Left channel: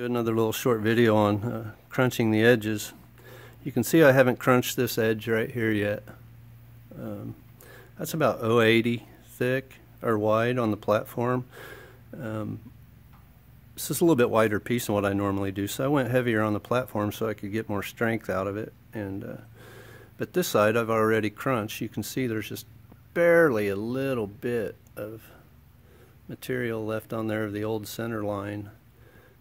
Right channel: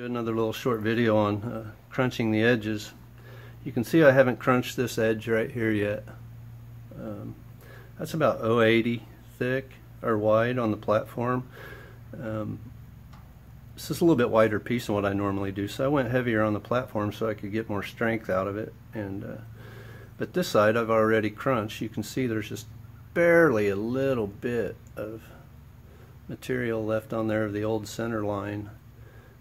Do another little short video on crunching the edges. You can see I haven't crunched this edge right here yet. That's about 0.80 thick or wide on the platform. This is a little bit wider piece than what I normally do, so I went heavier on the platform so I could get more strength out of it. But this side I've already crunched. You can see there's just barely a little bit of material left on there of the old center line.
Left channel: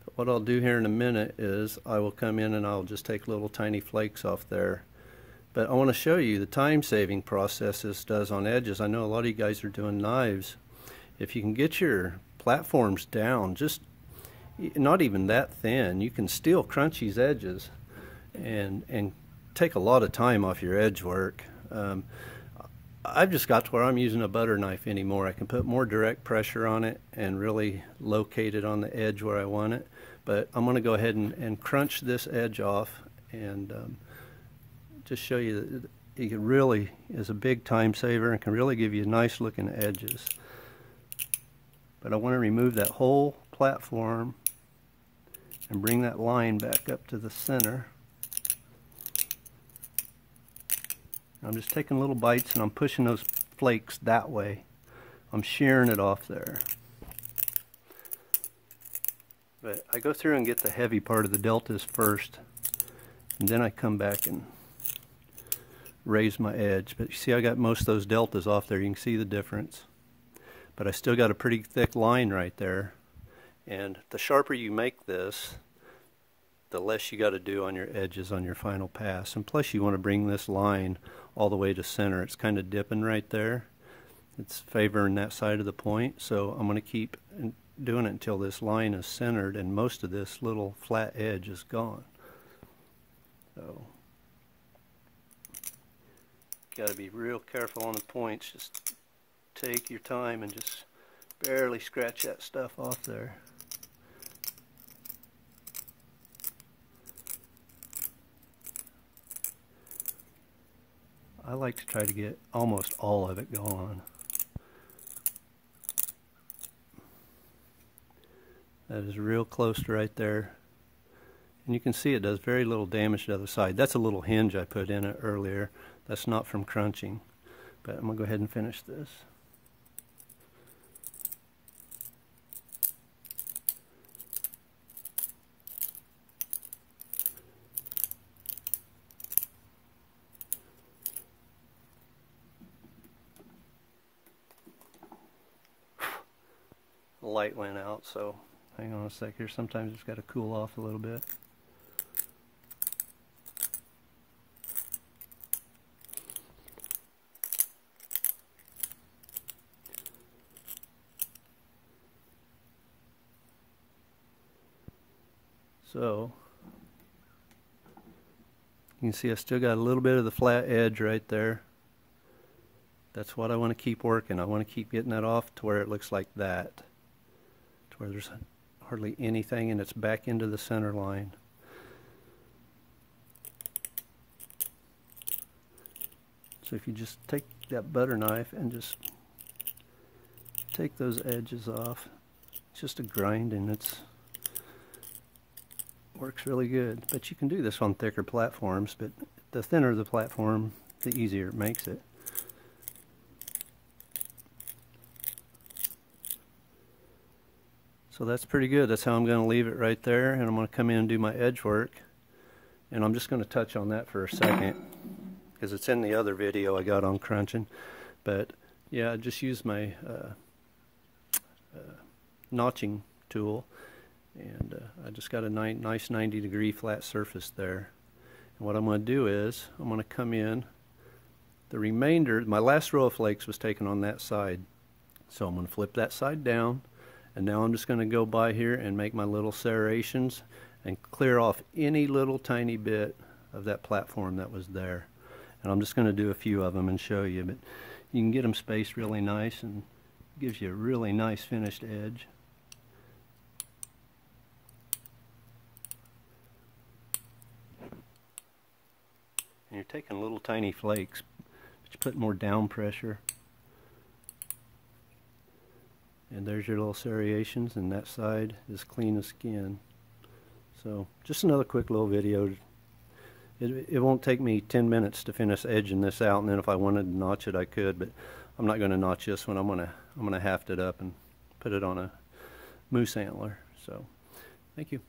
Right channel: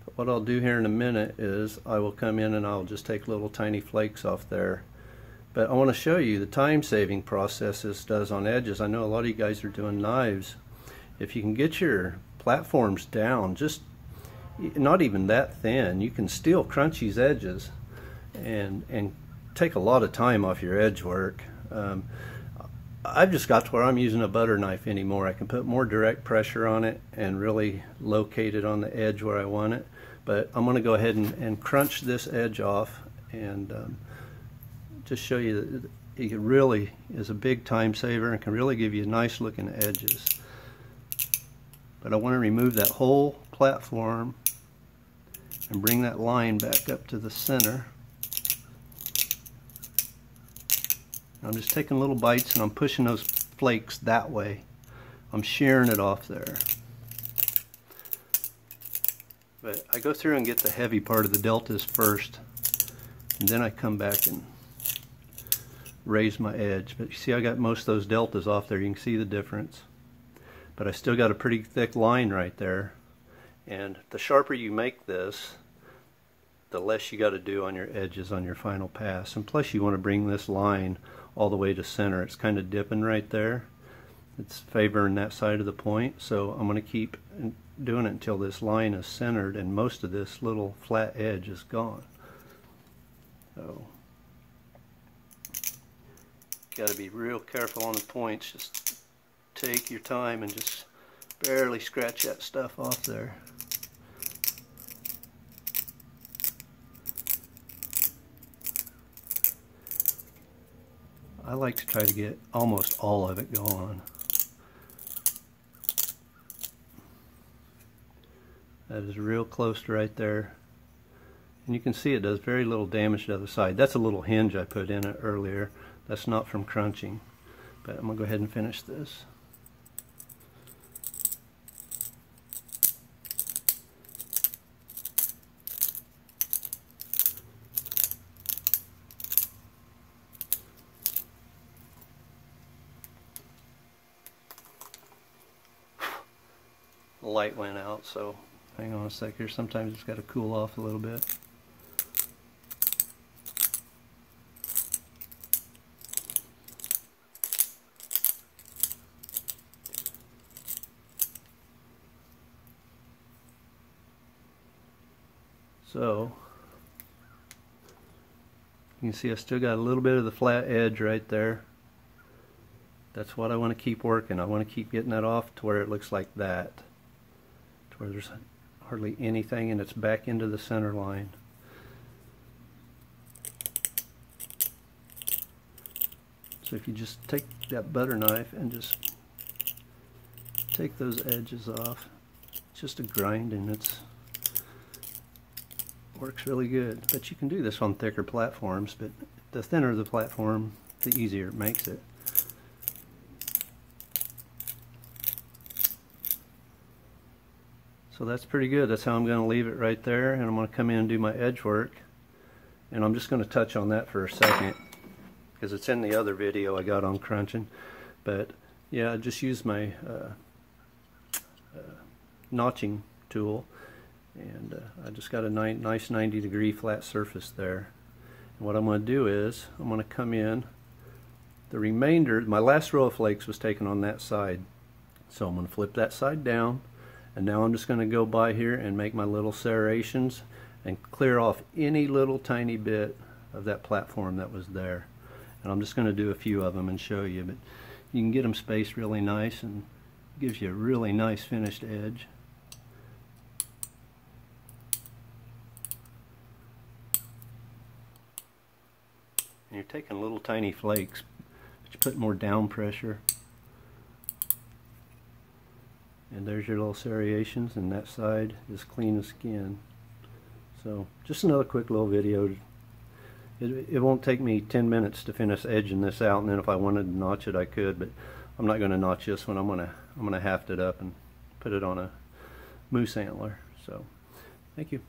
But what I'll do here in a minute is I will come in and I'll just take little tiny flakes off there. But I want to show you the time-saving process this does on edges. I know a lot of you guys are doing knives. If you can get your platforms down, just not even that thin, you can still crunch these edges and take a lot of time off your edge work. I've just got to where I'm using a butter knife anymore. I can put more direct pressure on it and really locate it on the edge where I want it. But I'm going to go ahead and crunch this edge off and just show you that it really is a big time saver and can really give you nice looking edges. But I want to remove that whole platform and bring that line back up to the center. I'm just taking little bites and I'm pushing those flakes that way. I'm shearing it off there. But I go through and get the heavy part of the deltas first, and then I come back and raise my edge. But you see I got most of those deltas off there. You can see the difference. But I still got a pretty thick line right there. And the sharper you make this, the less you got to do on your edges on your final pass. And plus you want to bring this line all the way to center. It's kind of dipping right there. It's favoring that side of the point. So I'm going to keep doing it until this line is centered and most of this little flat edge is gone. So got to be real careful on the points. Just take your time and just barely scratch that stuff off there. I like to try to get almost all of it gone. That is real close to right there. And you can see it does very little damage to the other side. That's a little hinge I put in it earlier. That's not from crunching. But I'm going to go ahead and finish this. The light went out, so hang on a sec here. Sometimes it's got to cool off a little bit. So you can see I still got a little bit of the flat edge right there. That's what I want to keep working. I want to keep getting that off to where it looks like that, to where there's hardly anything and it's back into the center line. So if you just take that butter knife and just take those edges off, it's just a grind and it works really good. But you can do this on thicker platforms, but the thinner the platform, the easier it makes it. So that's pretty good. That's how I'm going to leave it right there, and I'm going to come in and do my edge work. And I'm just going to touch on that for a second because it's in the other video I got on crunching. But yeah, I just used my notching tool, and I just got a nice 90-degree flat surface there. And what I'm going to do is I'm going to come in. The remainder, my last row of flakes was taken on that side, so I'm going to flip that side down. And now I'm just going to go by here and make my little serrations and clear off any little tiny bit of that platform that was there. And I'm just going to do a few of them and show you. But you can get them spaced really nice and gives you a really nice finished edge. And you're taking little tiny flakes, but you put more down pressure. And there's your little serrations, and that side is clean as skin. So just another quick little video. It won't take me 10 minutes to finish edging this out, and then if I wanted to notch it I could, but I'm not going to notch this one. I'm gonna haft it up and put it on a moose antler. So thank you.